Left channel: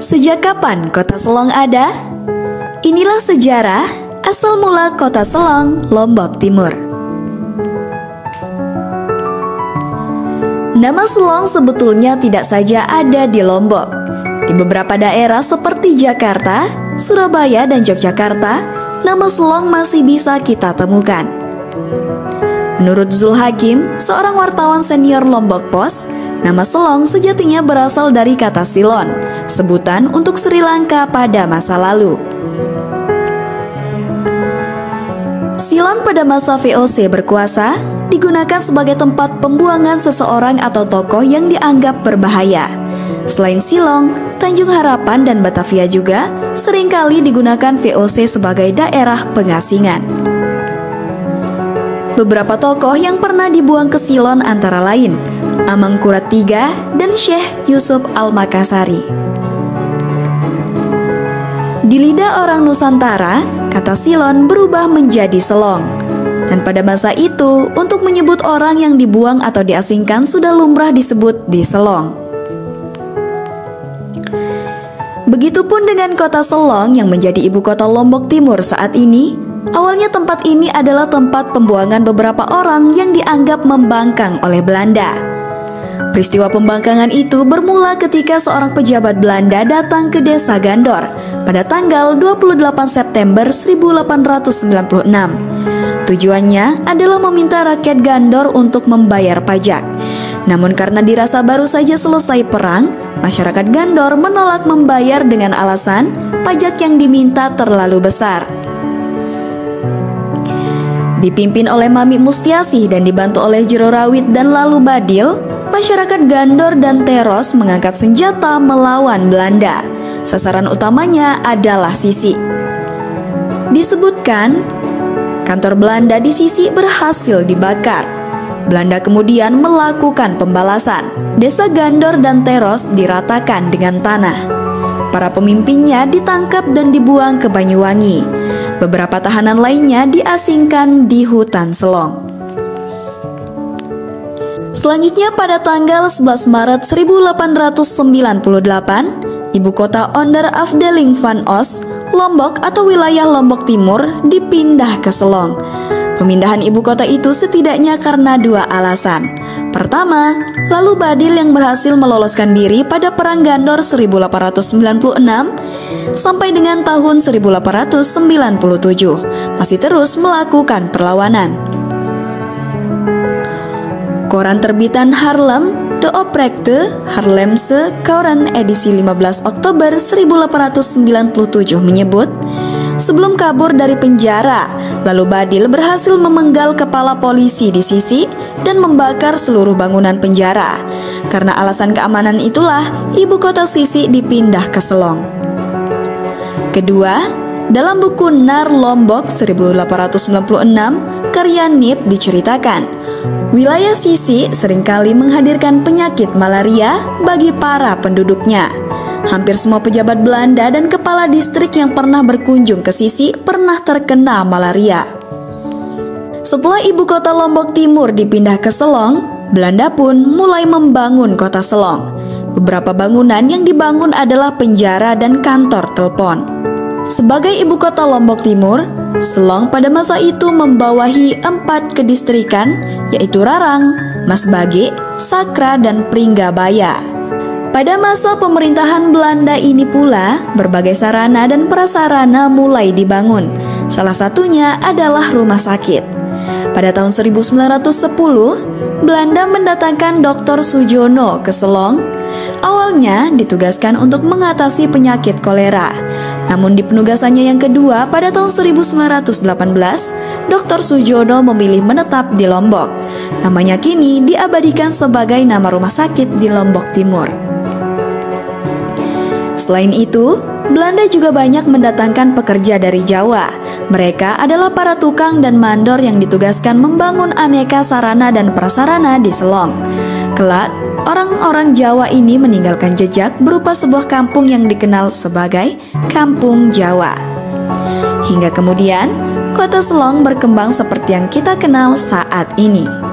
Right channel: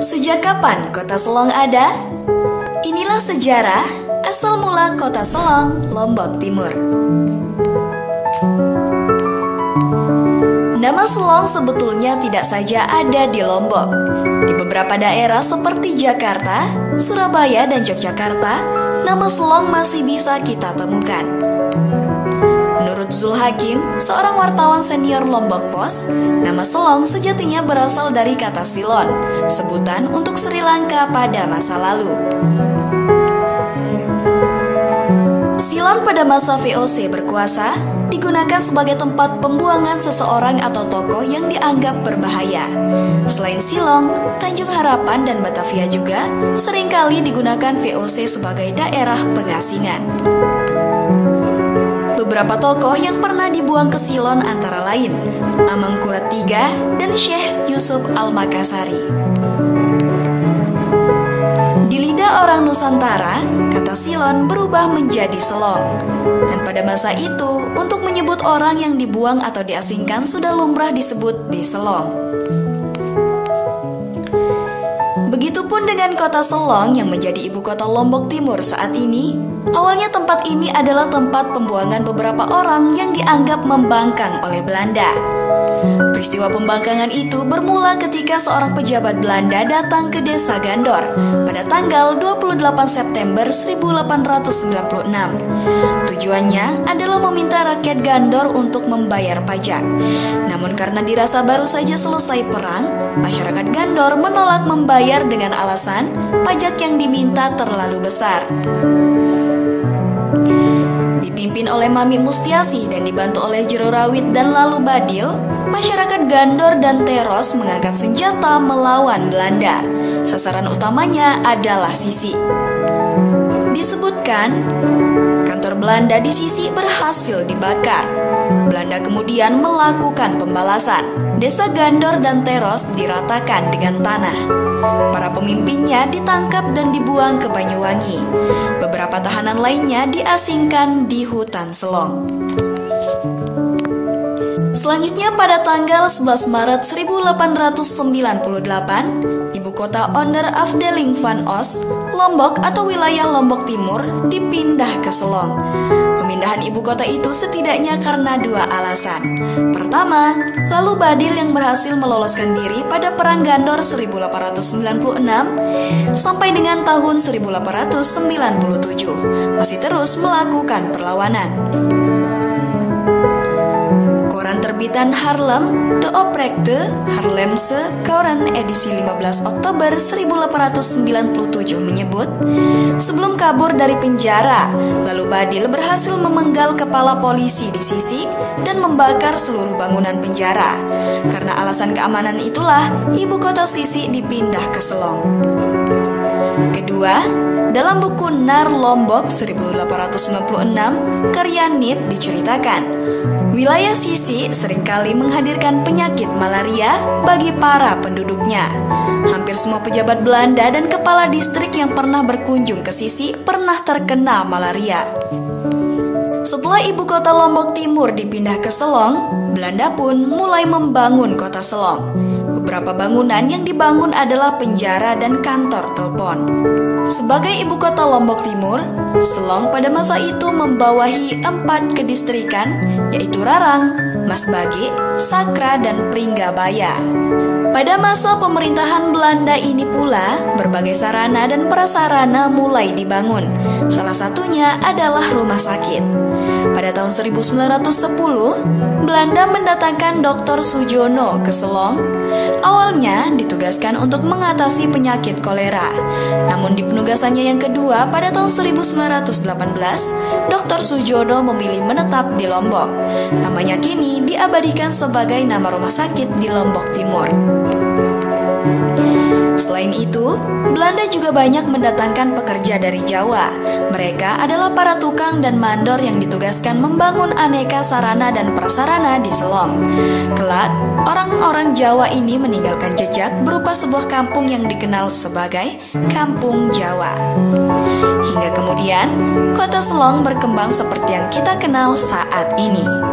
Sejak kapan kota Selong ada? Inilah sejarah asal mula kota Selong, Lombok Timur. Nama Selong sebetulnya tidak saja ada di Lombok. Di beberapa daerah seperti Jakarta, Surabaya, dan Yogyakarta, nama Selong masih bisa kita temukan. Menurut Zul Hakim, seorang wartawan senior Lombok Post, nama Selong sejatinya berasal dari kata Silon, sebutan untuk Sri Lanka pada masa lalu. Silon pada masa VOC berkuasa digunakan sebagai tempat pembuangan seseorang atau tokoh yang dianggap berbahaya. Selain Silong, Tanjung Harapan dan Batavia juga seringkali digunakan VOC sebagai daerah pengasingan. Beberapa tokoh yang pernah dibuang ke Silon antara lain Amangkurat III dan Syekh Yusuf Al-Makassari. Di lidah orang Nusantara, kata Silon berubah menjadi Selong. Dan pada masa itu, untuk menyebut orang yang dibuang atau diasingkan sudah lumrah disebut di Selong. Begitupun dengan kota Selong yang menjadi ibu kota Lombok Timur saat ini. Awalnya tempat ini adalah tempat pembuangan beberapa orang yang dianggap membangkang oleh Belanda. Peristiwa pembangkangan itu bermula ketika seorang pejabat Belanda datang ke desa Gandor pada tanggal 28 September 1896. Tujuannya adalah meminta rakyat Gandor untuk membayar pajak. Namun karena dirasa baru saja selesai perang, masyarakat Gandor menolak membayar dengan alasan pajak yang diminta terlalu besar. Dipimpin oleh Mami Mustiasih dan dibantu oleh Jero Rawit dan Lalu Badil, masyarakat Gandor dan Teros mengangkat senjata melawan Belanda. Sasaran utamanya adalah Sisi. Disebutkan, kantor Belanda di Sisi berhasil dibakar. Belanda kemudian melakukan pembalasan. Desa Gandor dan Teros diratakan dengan tanah. Para pemimpinnya ditangkap dan dibuang ke Banyuwangi. Beberapa tahanan lainnya diasingkan di hutan Selong. Selanjutnya pada tanggal 11 Maret 1898, ibu kota Onder Afdeling van Os, Lombok atau wilayah Lombok Timur dipindah ke Selong. Pemindahan ibu kota itu setidaknya karena dua alasan. Pertama, Lalu Badil yang berhasil meloloskan diri pada Perang Gandor 1896 sampai dengan tahun 1897 masih terus melakukan perlawanan. Koran terbitan Haarlem, De Oprekte Haarlemse Koran edisi 15 Oktober 1897 menyebut, sebelum kabur dari penjara, Lalu Badil berhasil memenggal kepala polisi di Sisi dan membakar seluruh bangunan penjara. Karena alasan keamanan itulah, ibu kota Sisi dipindah ke Selong. Kedua, dalam buku Nar Lombok 1896, karya Nip diceritakan, wilayah Sisi seringkali menghadirkan penyakit malaria bagi para penduduknya. Hampir semua pejabat Belanda dan kepala distrik yang pernah berkunjung ke Sisi pernah terkena malaria. Setelah ibu kota Lombok Timur dipindah ke Selong, Belanda pun mulai membangun kota Selong. Beberapa bangunan yang dibangun adalah penjara dan kantor telepon. Sebagai ibu kota Lombok Timur, Selong pada masa itu membawahi 4 kedistrikan, yaitu Rarang, Masbage, Sakra, dan Pringgabaya. Pada masa pemerintahan Belanda ini pula, berbagai sarana dan prasarana mulai dibangun. Salah satunya adalah rumah sakit. Pada tahun 1910, Belanda mendatangkan Dr. Sujono ke Selong. Awalnya ditugaskan untuk mengatasi penyakit kolera. Namun di penugasannya yang kedua pada tahun 1918, Dr. Sujono memilih menetap di Lombok. Namanya kini diabadikan sebagai nama rumah sakit di Lombok Timur. Selain itu, Belanda juga banyak mendatangkan pekerja dari Jawa. Mereka adalah para tukang dan mandor yang ditugaskan membangun aneka sarana dan prasarana di Selong. Kelak, orang-orang Jawa ini meninggalkan jejak berupa sebuah kampung yang dikenal sebagai Kampung Jawa. Hingga kemudian, kota Selong berkembang seperti yang kita kenal saat ini.